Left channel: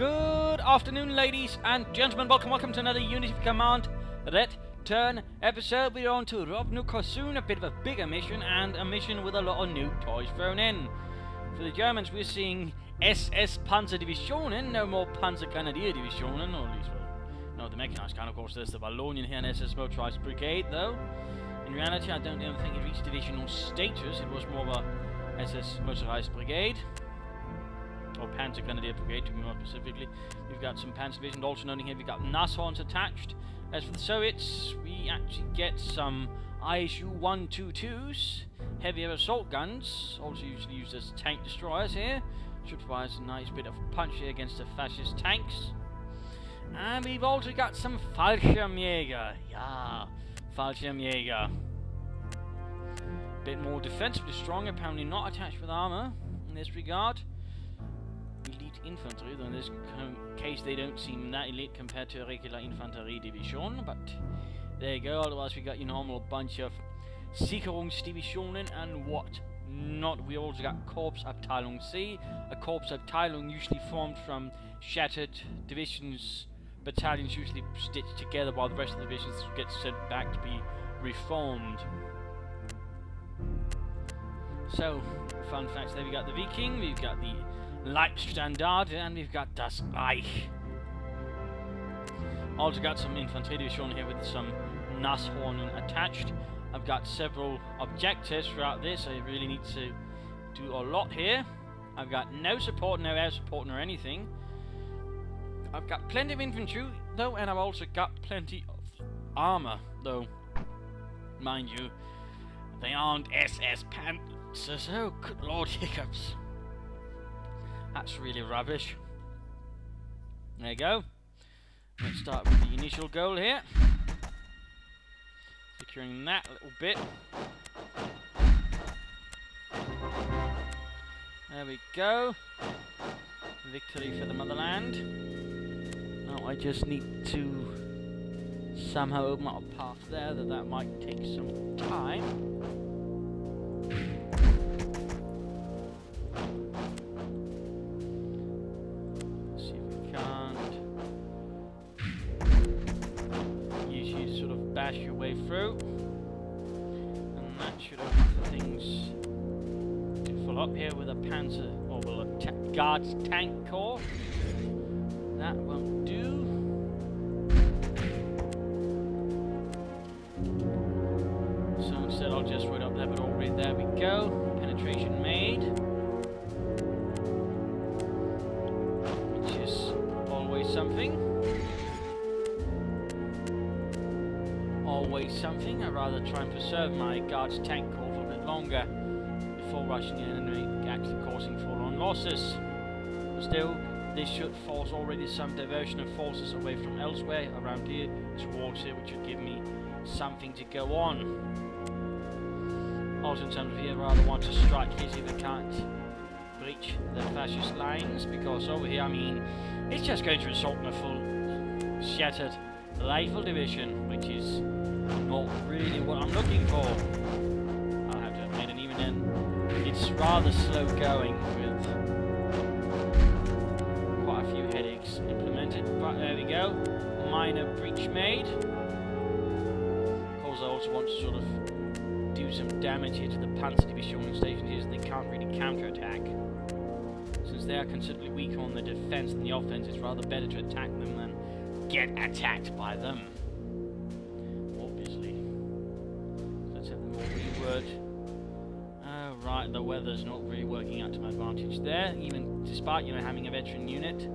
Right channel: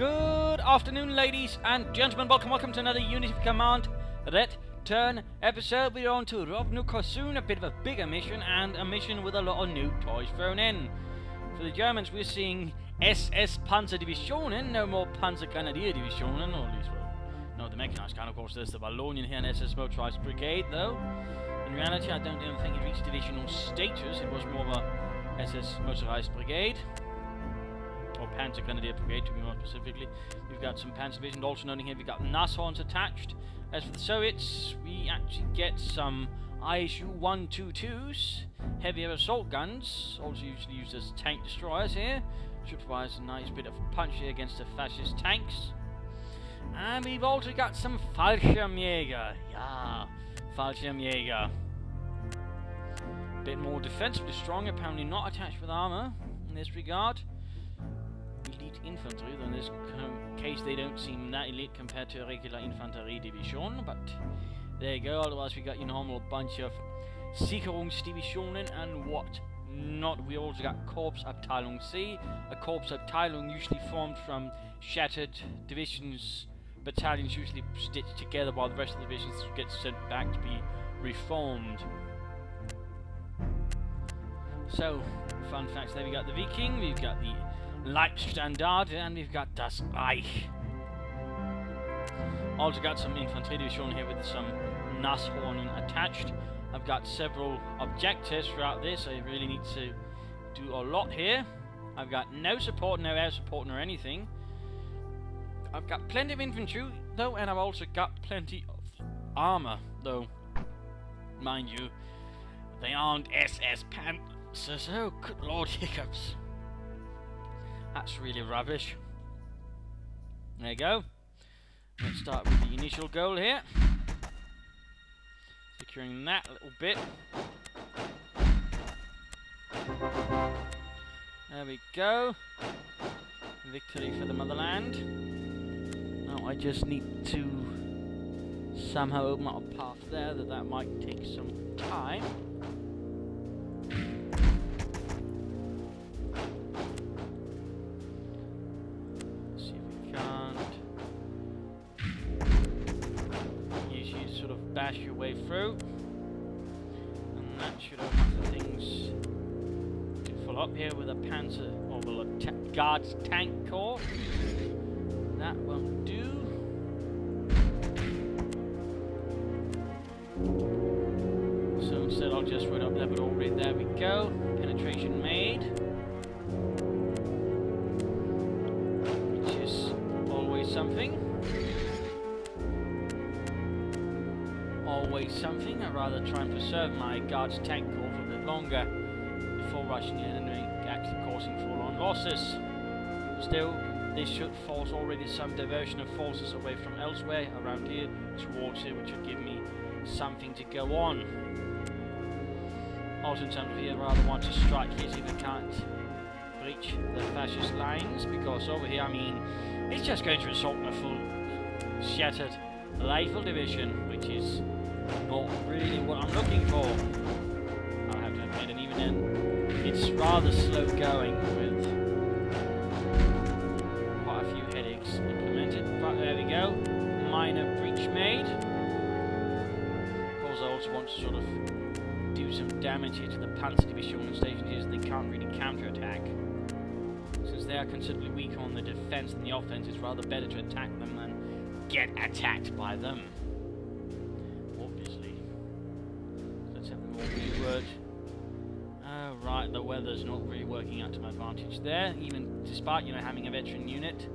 Good afternoon, ladies and gentlemen. Welcome to another Unity of Command Return episode. We're on to Rovno-Korsun, a bit of a bigger mission, and a mission with a lot of new toys thrown in. For the Germans, we're seeing SS Panzerdivisionen, no more Panzergrenadierdivisionen, or at least, well, no, the mechanized kind. Of course, there's the Wallonian here, and SS Motorized Brigade, though. In reality, I don't even think it reached divisional status. It was more of a SS Motorized Brigade. Or Panzer Grenadier Brigade, to be more specifically. We've got some Panzer Division, also noting here we've got Nashorns attached. As for the Soviets, we actually get some ISU 122s, heavier assault guns, also usually used as tank destroyers here. Should provide a nice bit of punch here against the fascist tanks. And we've also got some Fallschirmjäger. Yeah, Fallschirmjäger. Bit more defensively strong, apparently not attached with armor in this regard. Elite infantry, though in this case they don't seem that elite compared to a regular infantry division, but there you go. Otherwise we got your normal bunch of Sicherungsdivisionen and what not. We also got Korpsabteilung C, a Korpsabteilung usually formed from shattered divisions, battalions usually stitched together while the rest of the divisions get sent back to be reformed. So, fun facts there. We got the Viking, we've got the Leibstandard, and we've got Das Reich. Also got some infantry division here with some Nashorn attached. I've got several objectives throughout this. I really need to do a lot here. I've got no support, no air support, nor anything. I've got plenty of infantry, though, and I've also got plenty of armor, though, mind you, they aren't SS Panzers. Oh, good lord, hiccups. That's really rubbish. There you go. Let's start with the initial goal here. Securing that a little bit. There we go. Victory for the motherland. Now I just need to somehow open up a path there. That might take some time. Bash your way through, and that should open up for things to follow up here with a Panzer, or well, a Guards tank corps. That won't do. So instead I'll just wait up there, but already there we go. Penetration made. Which is always something. Always something. I'd rather try and preserve my Guards tank corps for a bit longer before rushing in and actually causing full-on losses. But still, this should force already some diversion of forces away from elsewhere around here towards here, which would give me something to go on. Also in terms of here, I rather want to strike here, see if I can't breach the fascist lines, because over here, I mean, it's just going to result in a full shattered rifle division, which is not really what I'm looking for, I'll have to admit. And even then, it's rather slow going with quite a few headaches implemented. But there we go, minor breach made. Of course I also want to sort of do some damage here to the Panzer Division stationed here, so they can't really counterattack. Since they are considerably weaker on the defense than the offense, it's rather better to attack them than get attacked by them. Obviously. Let's have them all reword. Oh, right, the weather's not really working out to my advantage there. Even despite, you know, having a veteran unit,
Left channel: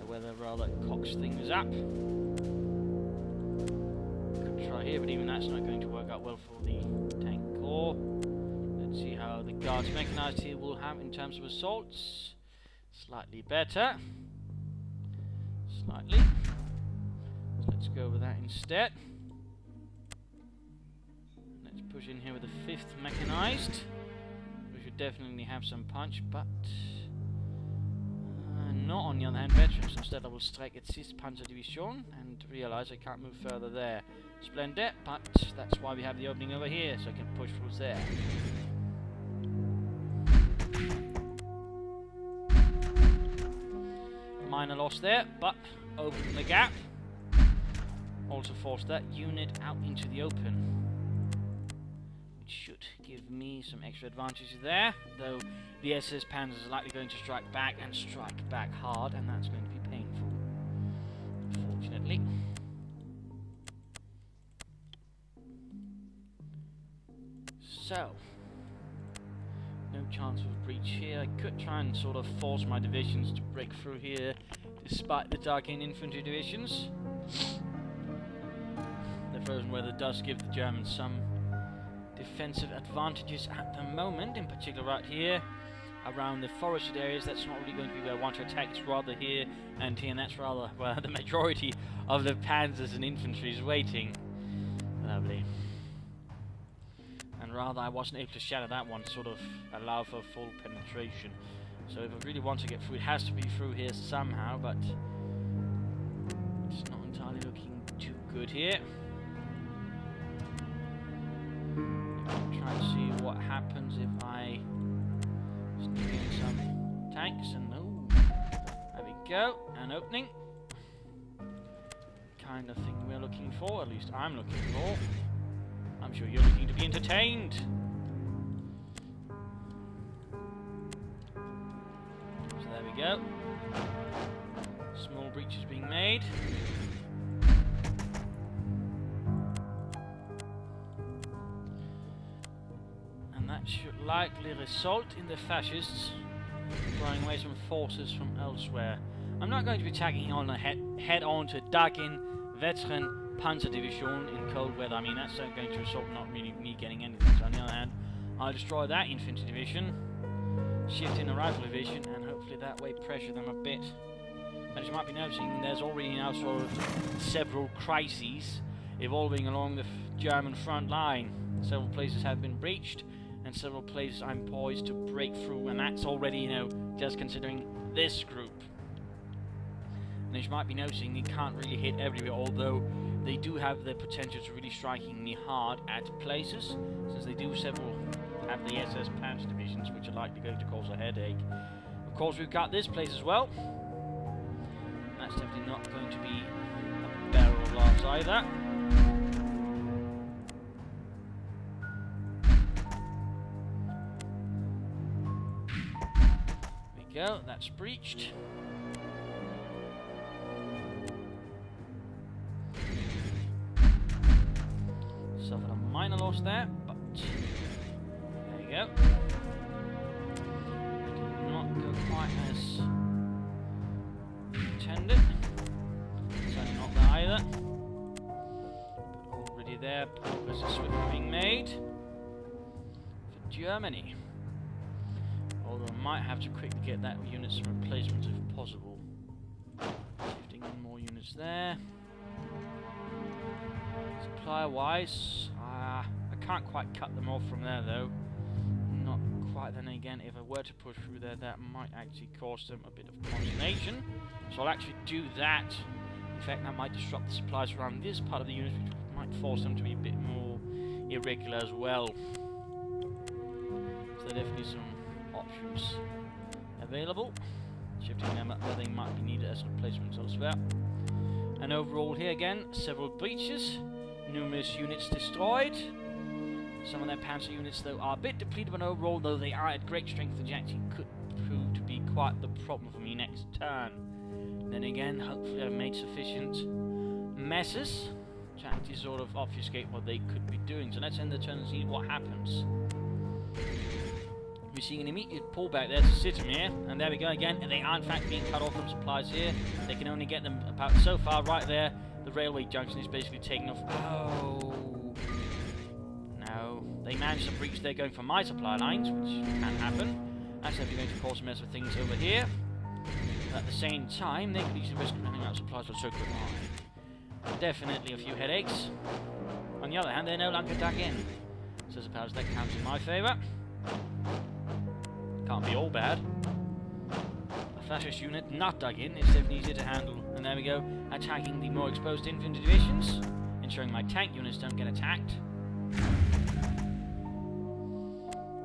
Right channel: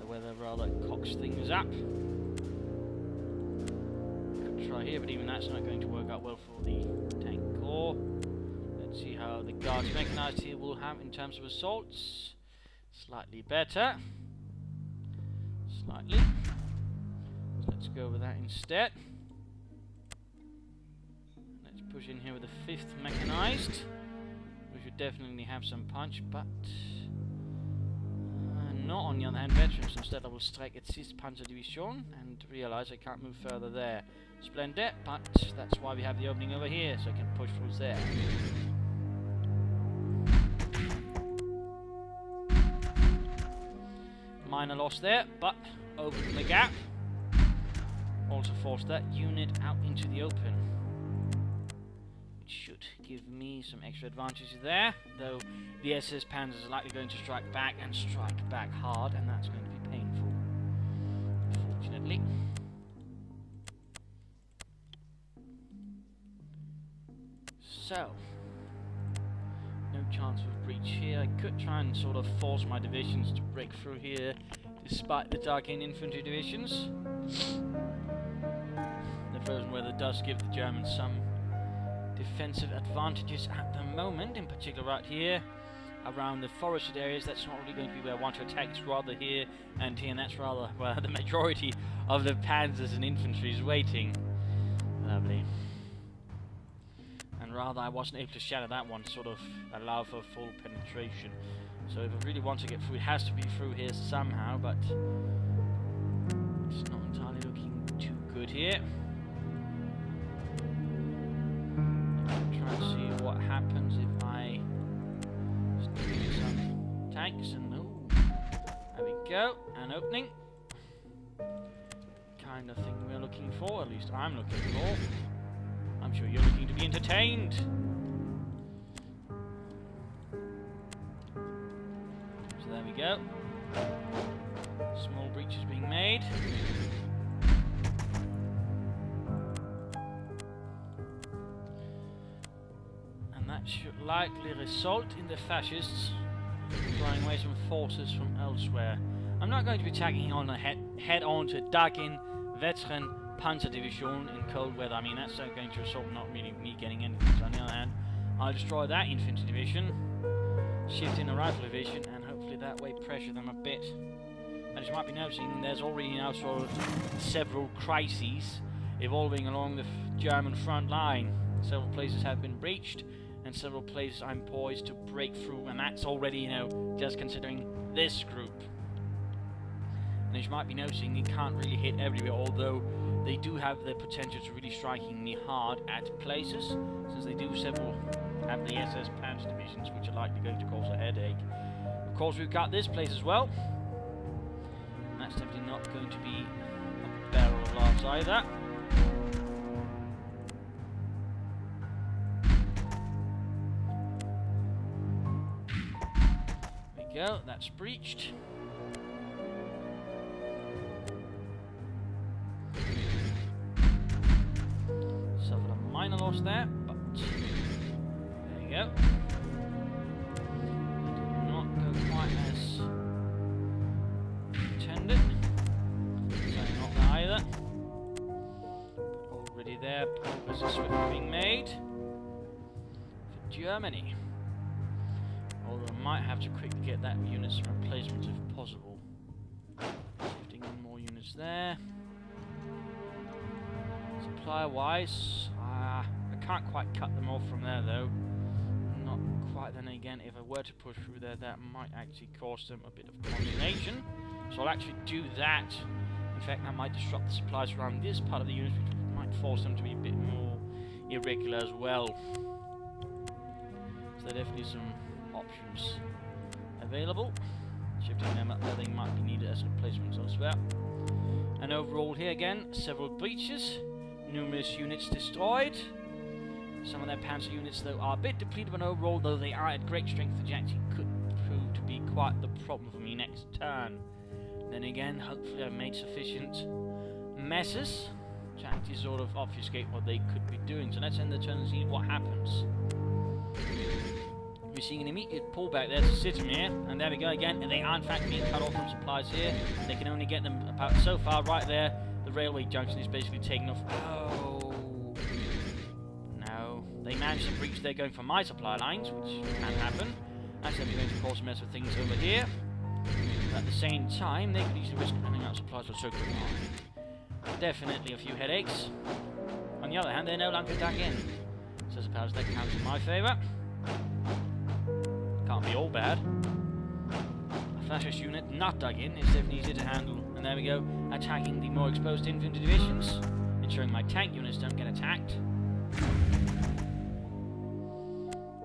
the weather rather cocks things up. Could try here, but even that's not going to work out well for the tank corps. Let's see how the Guards mechanized here will have in terms of assaults. Slightly better. Slightly. Let's go with that instead. Let's push in here with the 5th mechanized. We should definitely have some punch, but not on the other hand veterans. Instead I will strike at 6th Panzerdivision and realize I can't move further there. Splendid, but that's why we have the opening over here, so I can push through there. minor loss there, but open the gap. Also force that unit out into the open. Which should give me some extra advantages there, though the SS Panzers are likely going to strike back and strike back hard, and that's going to be painful, unfortunately. So, no chance of breach here. I could try and sort of force my divisions to break through here, despite the Dark-in infantry divisions. The frozen weather does give the Germans some defensive advantages at the moment, in particular right here, around the forested areas. That's not really going to be where I want to attack, it's rather here and here, and that's rather where the majority of the panzers and infantry is waiting. Lovely. And rather, I wasn't able to shatter that one, sort of allow for full penetration. So if I really want to get through, it has to be through here somehow, but it's not entirely looking too good here. I'm trying to see what happens if I sneak in some tanks, and ooh, there we go, an opening. Kind of thing we're looking for, at least I'm looking for. I'm sure you're looking to be entertained. So there we go. Small breaches being made. And that should likely result in the fascists drawing away some forces from elsewhere. I'm not going to be attacking on a head-on to Dark-in veteran Panzer Division in cold weather. I mean, that's going to result in not really me getting anything. So on the other hand, I'll destroy that infantry division, shift in a rifle division, and hopefully that way pressure them a bit. And as you might be noticing, there's already now sort of several crises evolving along the German front line. Several places have been breached, and several places I'm poised to break through, and that's already, you know, just considering this group. And as you might be noticing, you can't really hit everywhere, although they do have the potential to really striking me hard at places, since they do have the SS Panzer divisions, which are likely going to cause a headache. Of course, we've got this place as well, and that's definitely not going to be a barrel of laughs either. There we go, that's breached. Suffered a minor loss there, but there you go. It did not go quite as intended. Certainly not that either. But already there, progress is swiftly being made for Germany. Although I might have to quickly get that unit some replacements if possible. Shifting in more units there. Supply-wise, I can't quite cut them off from there though. Not quite. Then again, if I were to push through there, that might actually cause them a bit of consternation. So I'll actually do that. In fact, that might disrupt the supplies around this part of the unit, which might force them to be a bit more irregular as well. So there are definitely some options available. Shifting them up where they might be needed as replacements elsewhere. And overall here again, several breaches. Numerous units destroyed. Some of their panzer units, though, are a bit depleted, but overall, though they are at great strength, the actually could prove to be quite the problem for me next turn. Then again, hopefully I've made sufficient messes to actually sort of obfuscate what they could be doing. So let's end the turn and see what happens. We're seeing an immediate pullback there to Sitomir, and there we go again, and they are in fact being cut off from supplies here. They can only get them about so far. Right there, the railway junction is basically taken off. Oh no, they managed to breach there going for my supply lines, which can happen. That's definitely going to cause a mess of things over here. But at the same time, they could easily risk running out of supplies with so quick. Definitely a few headaches. On the other hand, they're no longer dug in, so I suppose that counts in my favour. Can't be all bad. A fascist unit not dug in is definitely easier to handle. And there we go, attacking the more exposed infantry divisions, ensuring my tank units don't get attacked.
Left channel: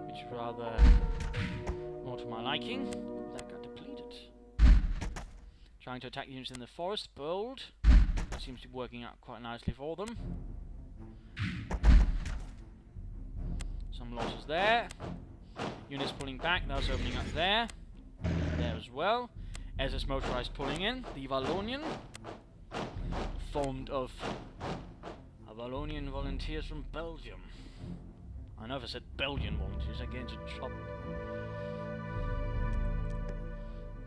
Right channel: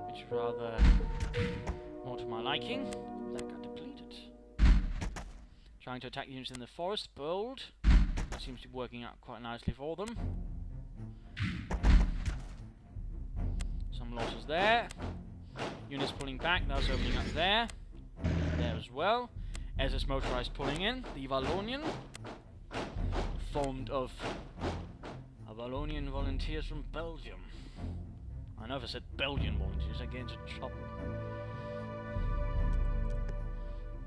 Which is rather more to my liking. Ooh, that got depleted. Trying to attack units in the forest. Bold. That seems to be working out quite nicely for them. Some losses there. Units pulling back. That's opening up there. There as well. SS motorized pulling in. The Wallonian. Formed of Wallonian volunteers from Belgium. I know if I said Belgian volunteers, I get into trouble.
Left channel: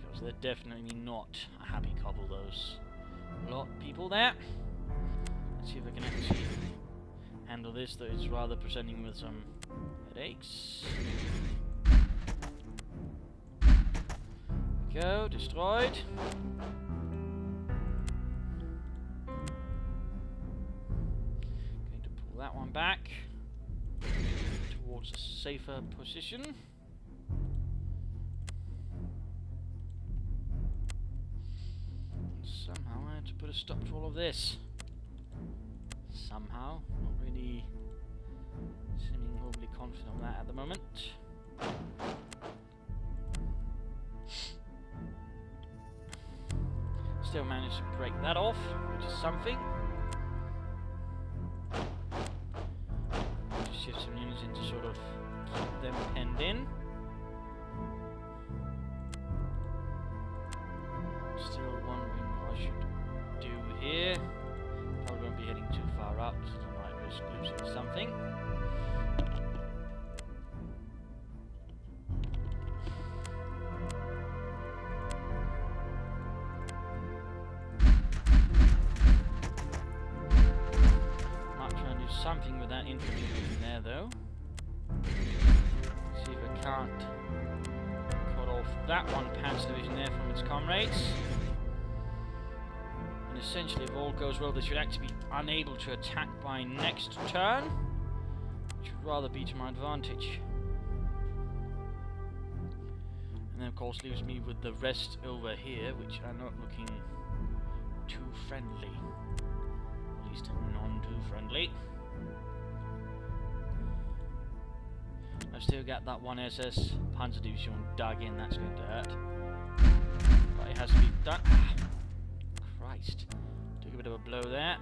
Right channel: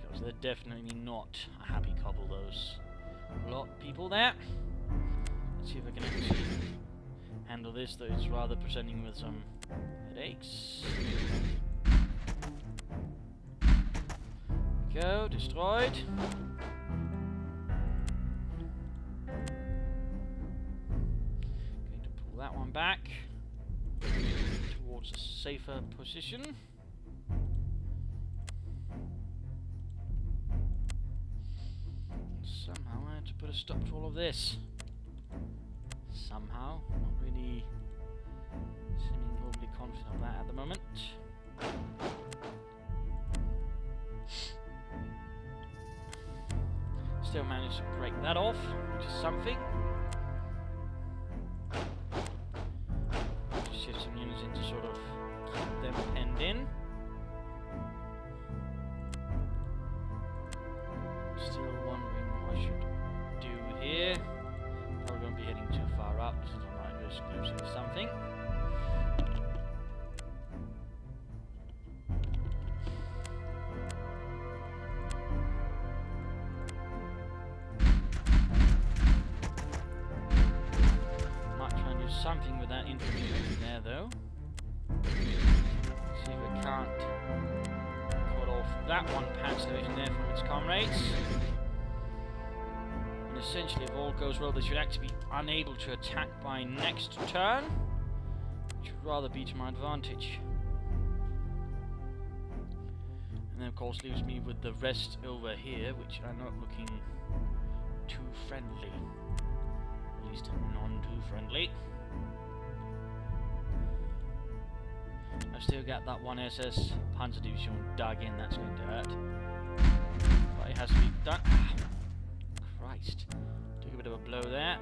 Because they're definitely not a happy couple, those lot people there. Let's see if I can actually handle this, though it's rather presenting with some headaches. Go, destroyed. Going to pull that one back towards a safer position. And somehow I had to put a stop to all of this. Somehow, not really seeming overly confident of that at the moment. Still managed to break that off, which is something. Just shift some units in to sort of keep them penned in. Still wondering what I should do here. Probably won't be heading too far out, because I might risk losing something. Something with that infantry division there, though. See if I can't cut off that one Panzer division there from its comrades. And essentially, if all goes well, they should actually be unable to attack by next turn, which would rather be to my advantage. And then, of course, leaves me with the rest over here, which are not looking too friendly. At least none too friendly. I've still got that one SS Panzer Division dug in, that's going to hurt. But it has to be done. Ah, Christ. Took a bit of a blow there.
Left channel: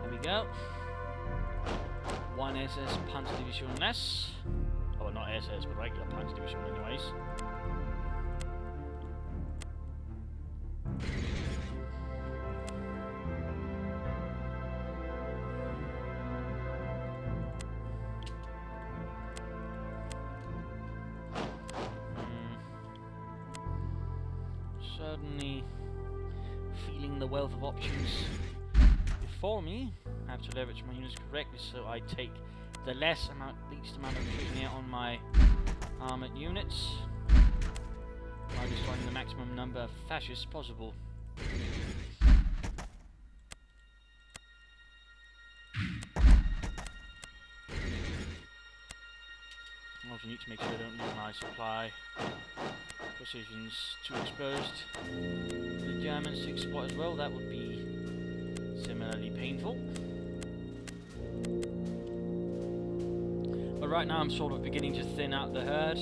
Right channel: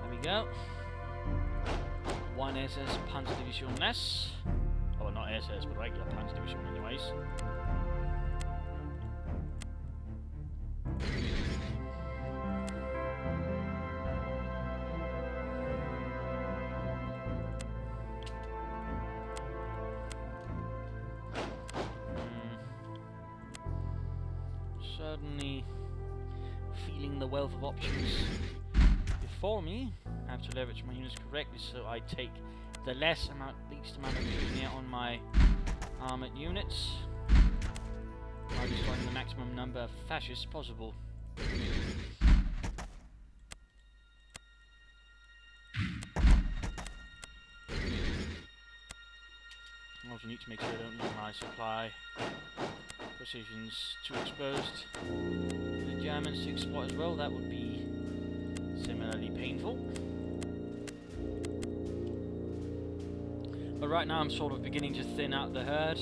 There we go. One SS Panzer Division less. Oh, well, not SS, but regular Panzer Division anyways. Certainly feeling the wealth of options before me. I have to leverage my units correctly so I take the least amount of attrition here on my armoured units by destroying the maximum number of fascists possible. I also need to make sure I don't leave my supply positions too exposed for the Germans to exploit as well. That would be similarly painful. But right now I'm sort of beginning to thin out the herd.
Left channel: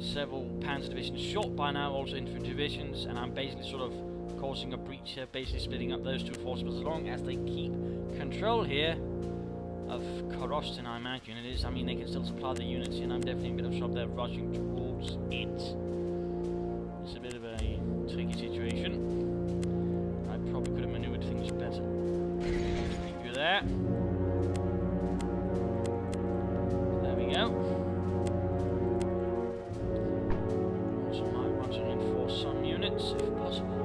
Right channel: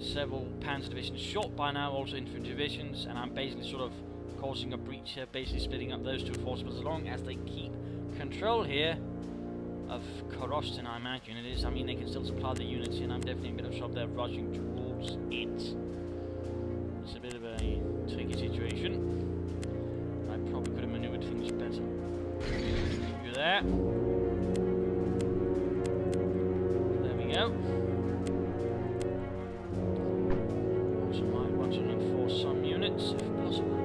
Several Panzer divisions short by now, also infantry divisions, and I'm basically sort of causing a breach here, basically splitting up those two forces as long as they keep control here of Korsun, I imagine it is. I mean, they can still supply the units here, and I'm definitely in a bit of trouble there rushing towards it. It's a bit of a tricky situation. I probably could have maneuvered things better. Keep you there. There we go. Also might want to reinforce some units if possible.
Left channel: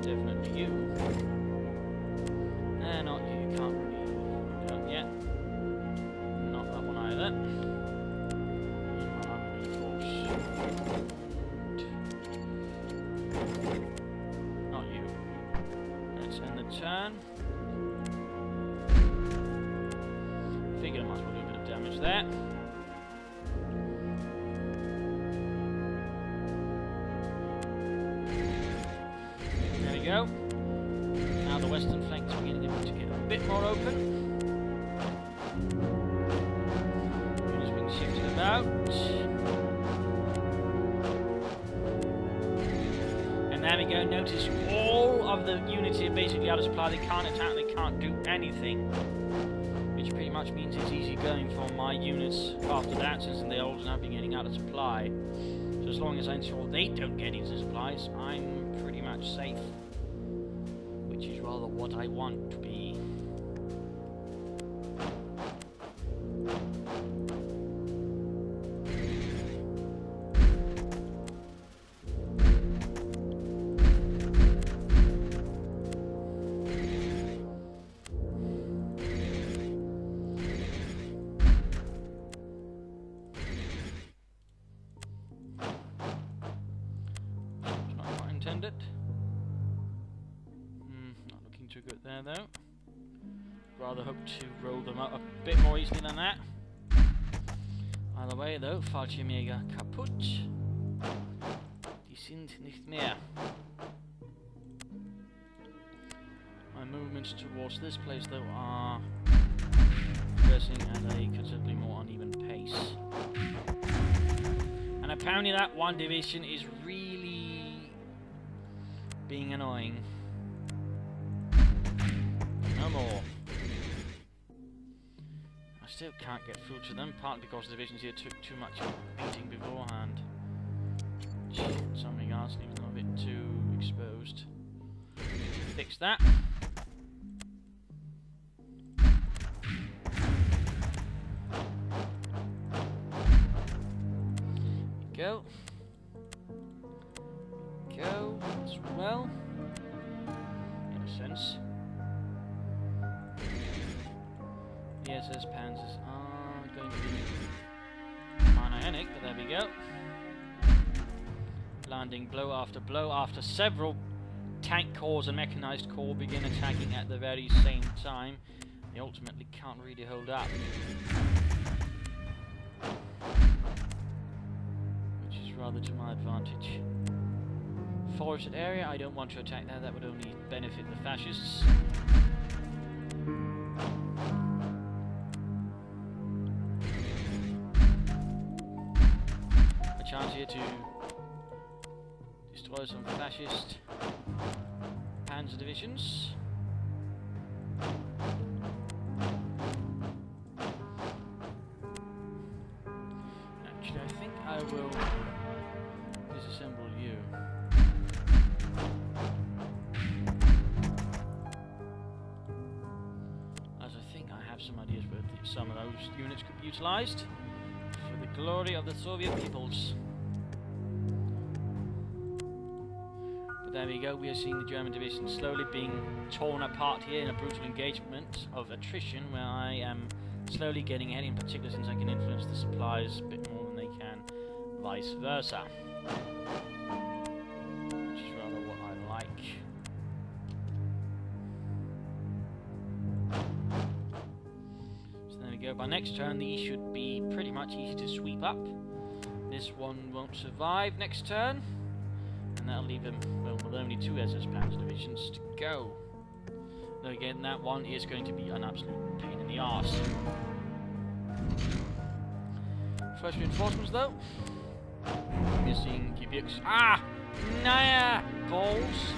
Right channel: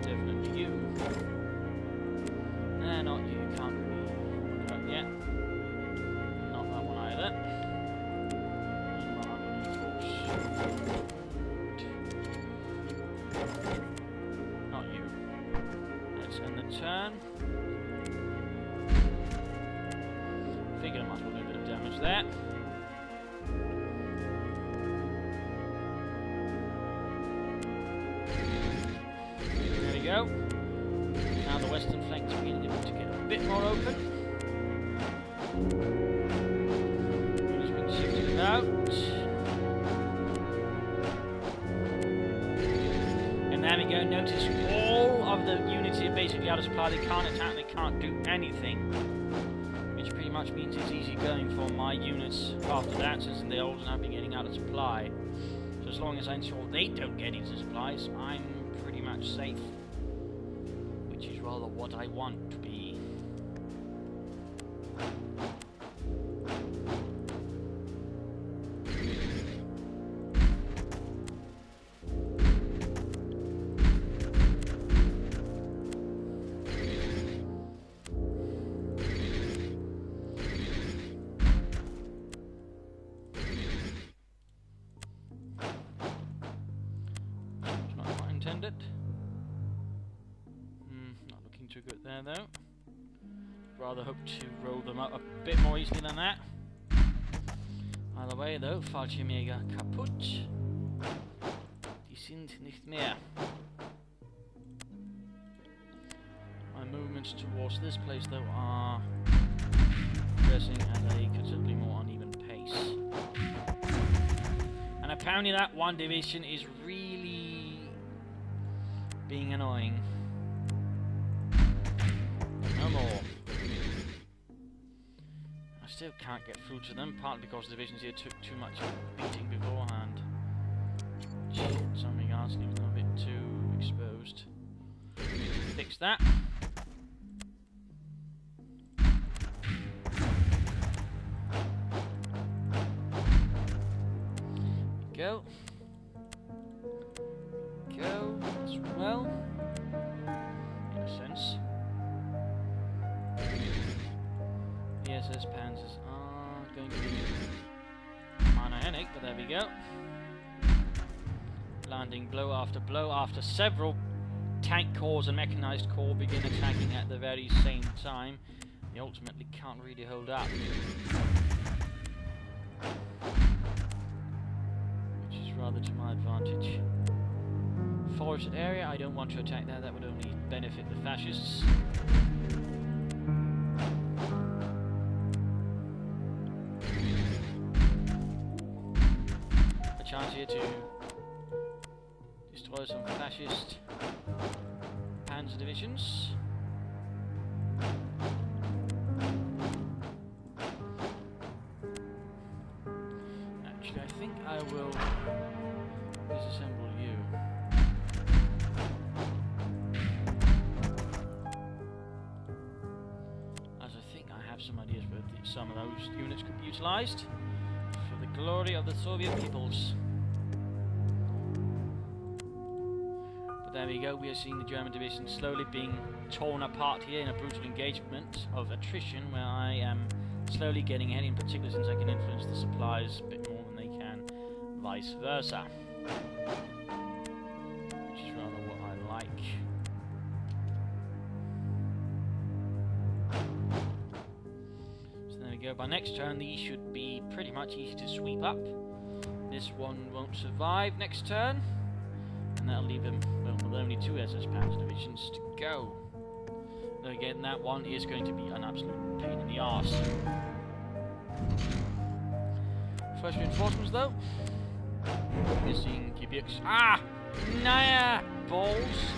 Definitely you. Nah, not you. You can't really go yet. Not that one either. Not reinforce. Not you. Let's end the turn. Figured I might as well do a bit of damage there. bit more open. Units being shifted about. And there we go. Notice all of the units here basically out of supply. They can't attack, they can't do anything. Which pretty much means it's easy going for my units after that, since they also have been getting out of supply. So as long as I ensure they don't get into supplies, I'm pretty much safe. Which is rather what I want to be. Intended. Not looking too good there though. Rather hope to roll them up a bit more easily than that. Either way though, Fallschirmjäger kaputt. Die sind nicht mehr. My movements towards this place though are progressing at a considerably more uneven pace. And apparently that one division is really being annoying. No more. I still can't get through to them, partly because the divisions here took too much beating beforehand. In some regards, leaving them a bit too exposed. Fix that. Go. Go as well, in a sense. The SS Panzers are going to be minor headache, but there we go. Landing blow after several tank corps and mechanized corps begin attacking at the very same time. They ultimately can't really hold up. Which is rather to my advantage. Forested area, I don't want to attack that, that would only benefit the fascists. A chance here to destroy some fascist panzer divisions. Actually, I think I will disassemble you. As I think I have some ideas where some of those units could be utilised for the glory of the Soviet peoples. But there we go, we are seeing the German division slowly being torn apart here in a brutal engagement of attrition, where I am slowly getting ahead, in particular since I can influence the supplies a bit more than they can, vice versa. Which is rather what I like. So there we go, by next turn these should be pretty much easy to sweep up. This one won't survive next turn, and that'll leave him, well, with only 2 SS Panzer divisions to go. Though again, that one is going to be an absolute pain in the arse. First reinforcements though. Missing Gebirgs. Ah! Nah! Balls!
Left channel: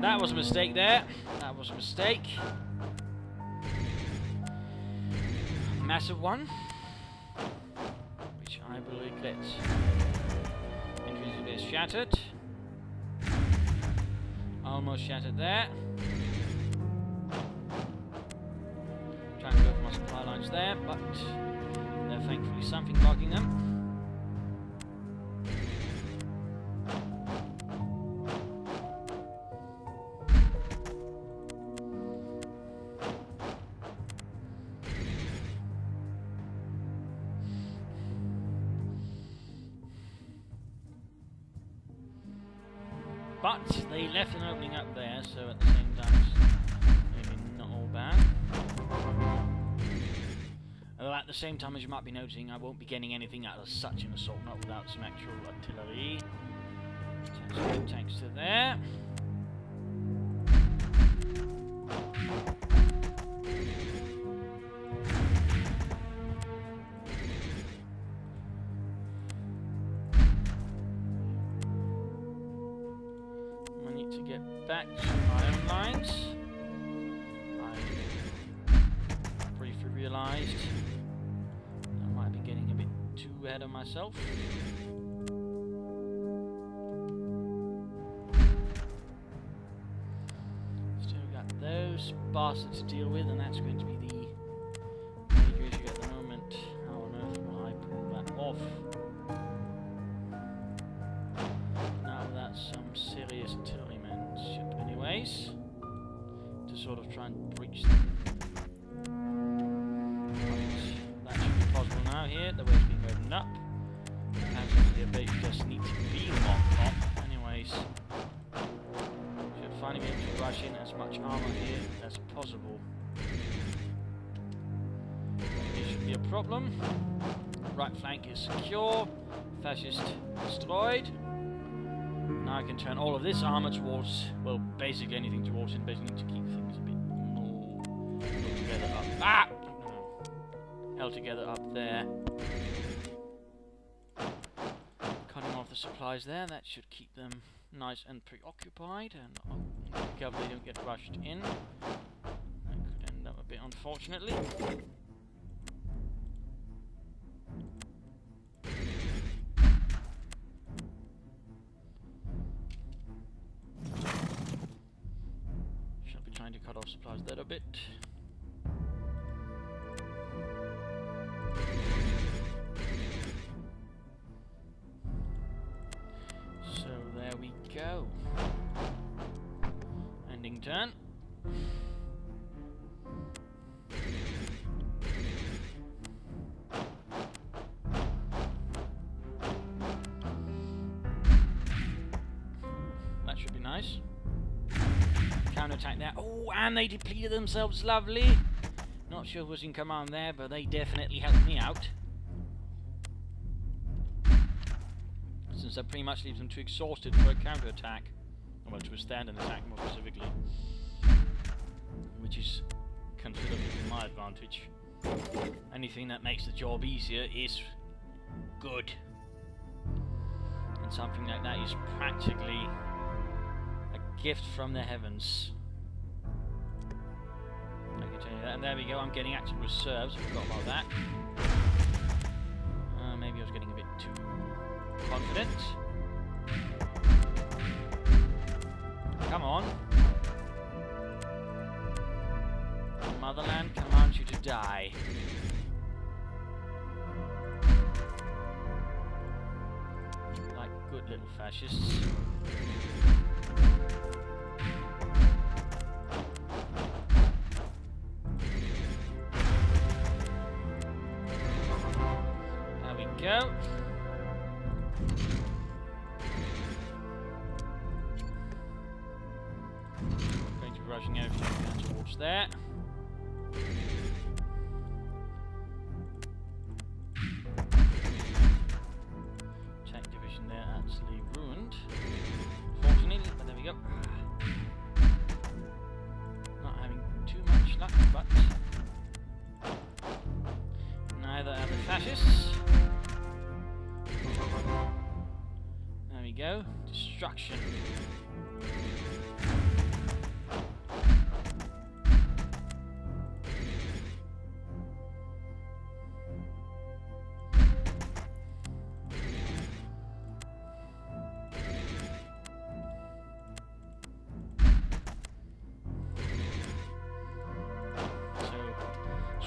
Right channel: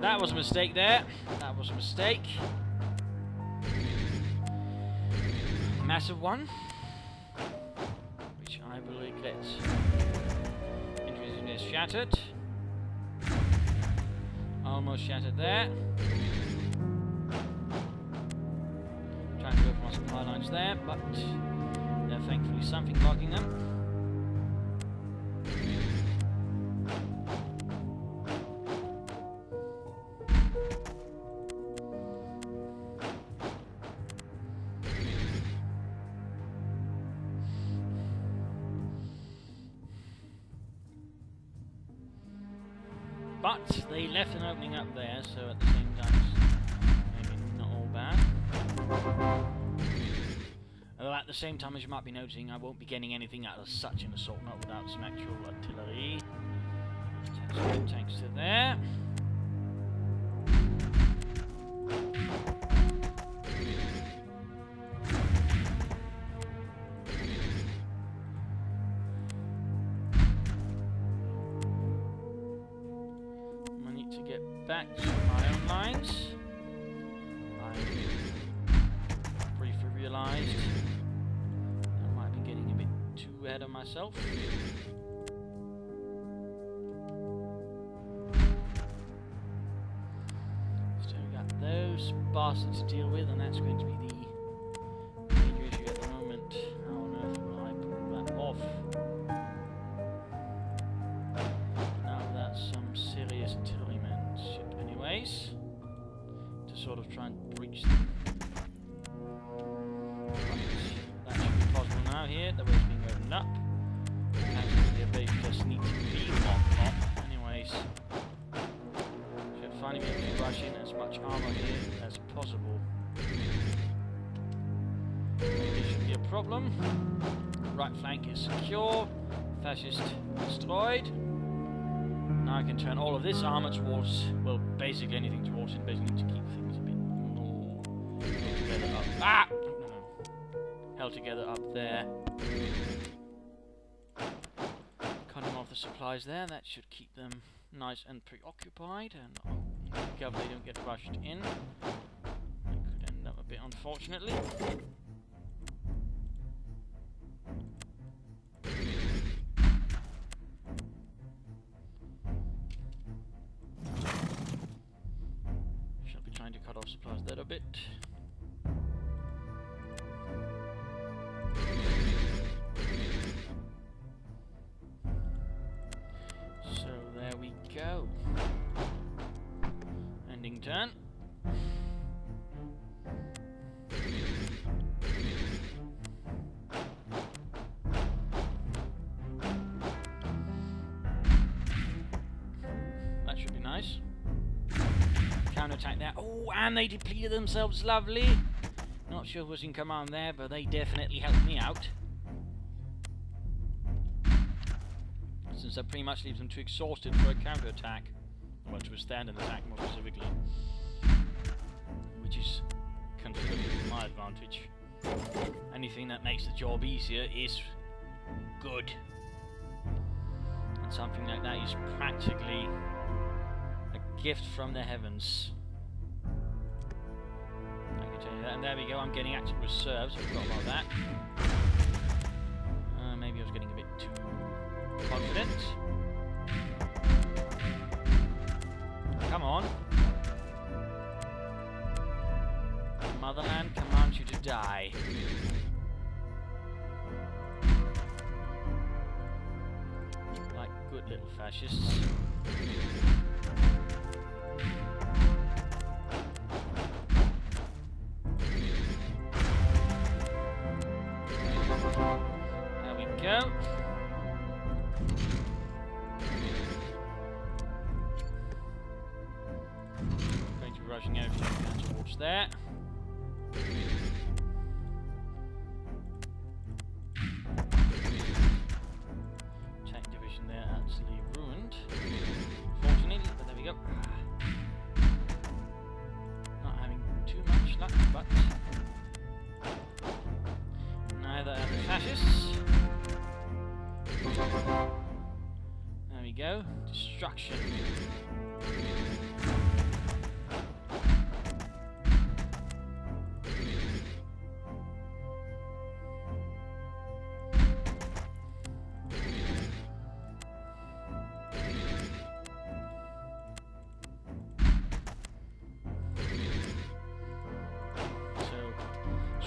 That was a mistake there. That was a mistake. Massive one. Which I will regret. Infantry is shattered. Almost shattered there. Trying to go for my supply lines there, but there's thankfully something blocking them. But they left an opening up there, so at the same time it's maybe not all bad. Although at the same time, as you might be noticing, I won't be getting anything out of such an assault, not without some actual artillery. Some tanks to there. I need to get back to my own lines. I briefly realised I might have been getting a bit too ahead of myself. Still got those bastards to deal with, and that's going to be the major issue at the moment. How on earth will I pull that off? Not without some serious artillerymanship anyways, to sort of try and breach them. But that should be possible now here, the way's being opened up. Apparently the base just needs to be locked up anyways. Should finally be able to rush in as much armor here as possible. This should be a problem. Right flank is secure. Fascist destroyed. Now I can turn all of this armor towards, well, basically anything towards it. Basically need to keep things a bit more held together up. Ah! No. Held together up there. Cutting off the supplies there. That should keep them nice and preoccupied. And be careful they don't get rushed in. That could end up a bit unfortunately. Trying to cut off supplies there a bit. So there we go. Ending turn. That should be nice. Counter-attack there. Oh, and they depleted themselves. Lovely. Not sure who was in command there, but they definitely helped me out. Since that pretty much leaves them too exhausted for a counter-attack. Well, to withstand an attack more specifically. Which is considerably to my advantage. Anything that makes the job easier is good. And something like that is practically a gift from the heavens. I can tell you that. And there we go, I'm getting active reserves. I forgot about that. Maybe I was getting a bit too confident. Come on. Motherland commands you to die. Like good little fascists. There we go. Going to be rushing out down towards there. Tank division there absolutely ruined. Fortunately, but there we go. Not having too much luck, but neither are the fascists. There we go. Destruction.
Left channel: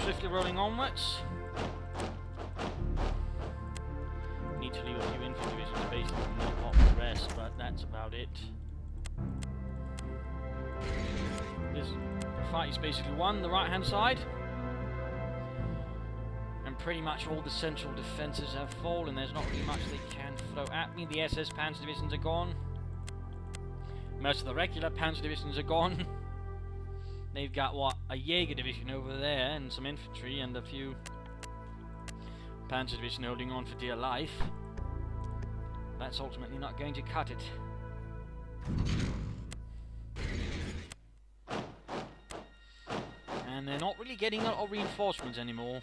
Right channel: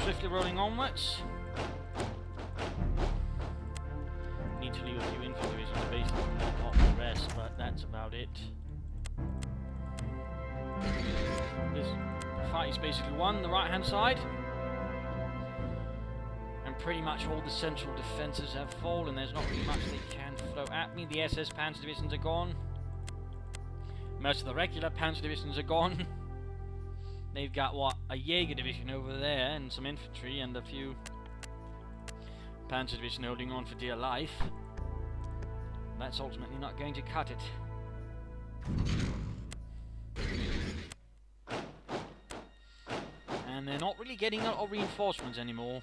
Swiftly rolling onwards. Need to leave a few infantry divisions basically to knock off the rest, but that's about it. This fight is basically won, the right hand side. And pretty much all the central defences have fallen. There's not really much they can throw at me. The SS Panzer divisions are gone. Most of the regular Panzer divisions are gone. They've got, what, a Jaeger division over there, and some infantry, and a few Panzer division holding on for dear life. That's ultimately not going to cut it. and they're not really getting a lot of reinforcements anymore.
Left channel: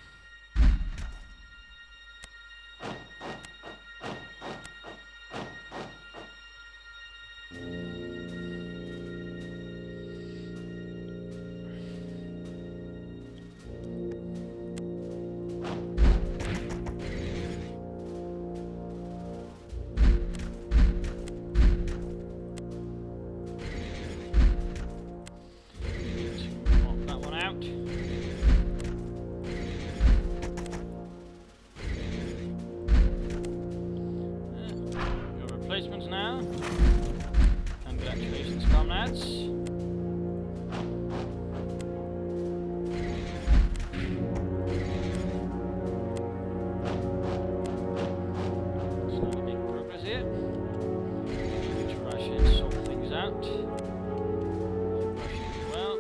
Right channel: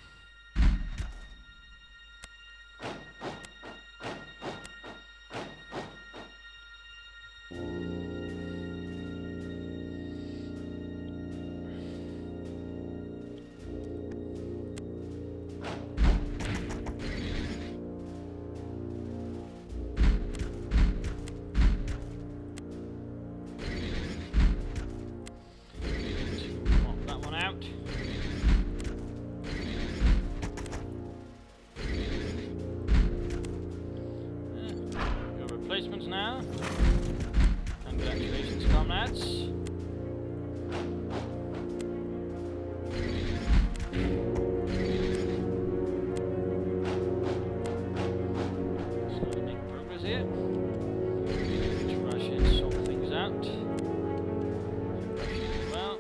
Replacements now. Congratulations, comrades. Slowly making progress here. Need to rush in, sort things out. Rush in as well.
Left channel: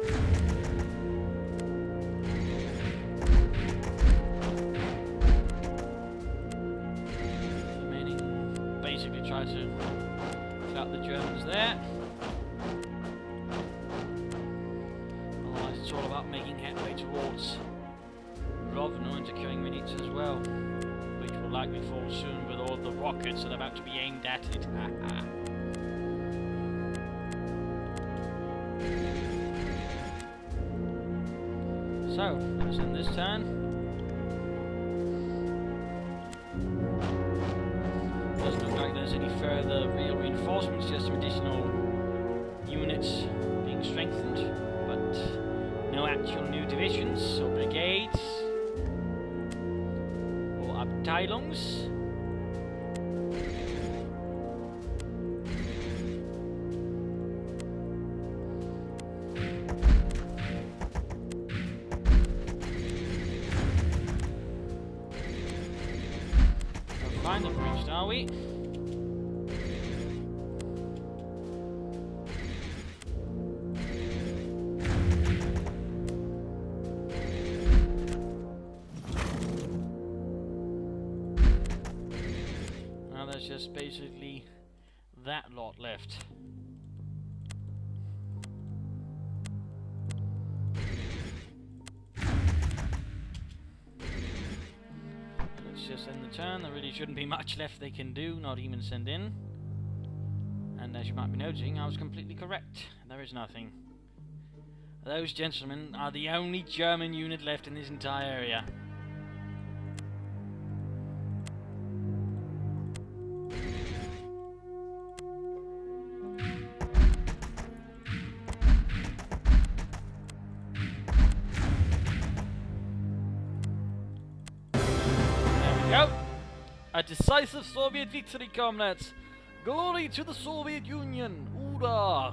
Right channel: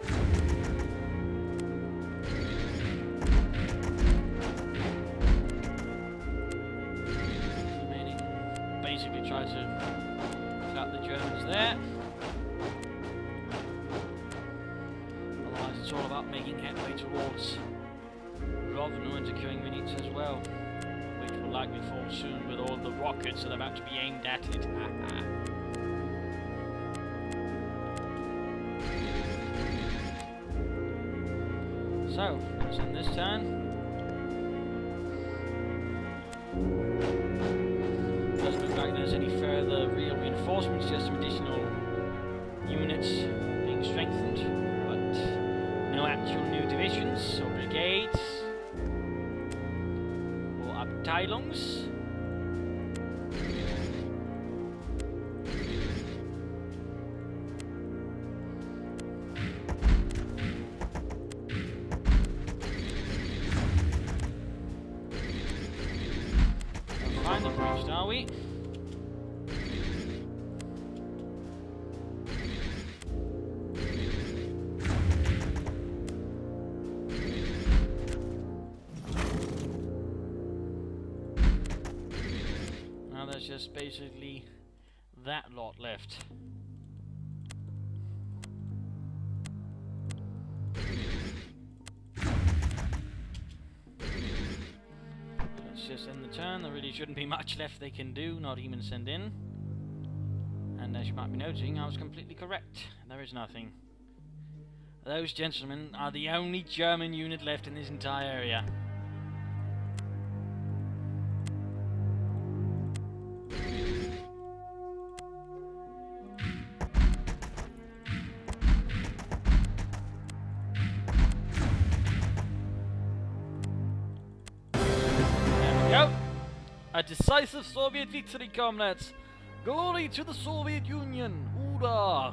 Basically try to clout the Germans there. Otherwise it's all about making headway towards Rovno and securing units as well, which will likely fall soon with all the rockets that are about to be aimed at it. So, let's end this turn. Doesn't look like there's any further real reinforcements, just some additional units being strengthened, but no actual new divisions or brigades or Abteilungs. Finally reached, are we? Now there's just basically that lot left. Just end the turn. There really shouldn't be much left they can do, not even send in. And as you might be noticing, I was completely correct. There is nothing. Those gentlemen are the only German unit left in this entire area. A decisive Soviet victory, comrades! Glory to the Soviet Union! Hoorah!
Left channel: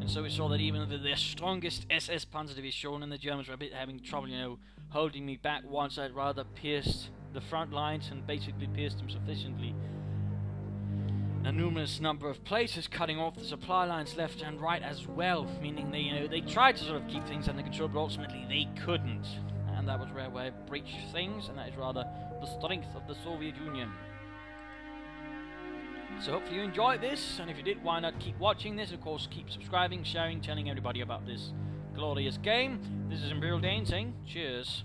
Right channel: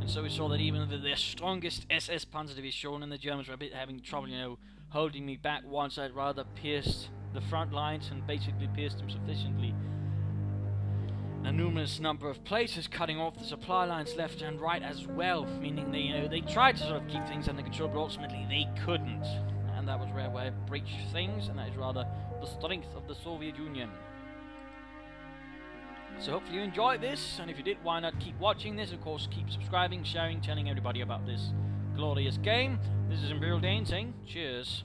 And so we saw that even with their strongest SS Panzer Division and the Germans were a bit having trouble, you know, holding me back once I'd rather pierced the front lines and basically pierced them sufficiently. In a numerous number of places, cutting off the supply lines left and right as well, meaning they, you know, they tried to sort of keep things under control, but ultimately they couldn't. And that was where we breached things, and that is rather the strength of the Soviet Union. So hopefully you enjoyed this, and if you did, why not keep watching this? Of course, keep subscribing, sharing, telling everybody about this glorious game. This is Imperial Dane saying cheers.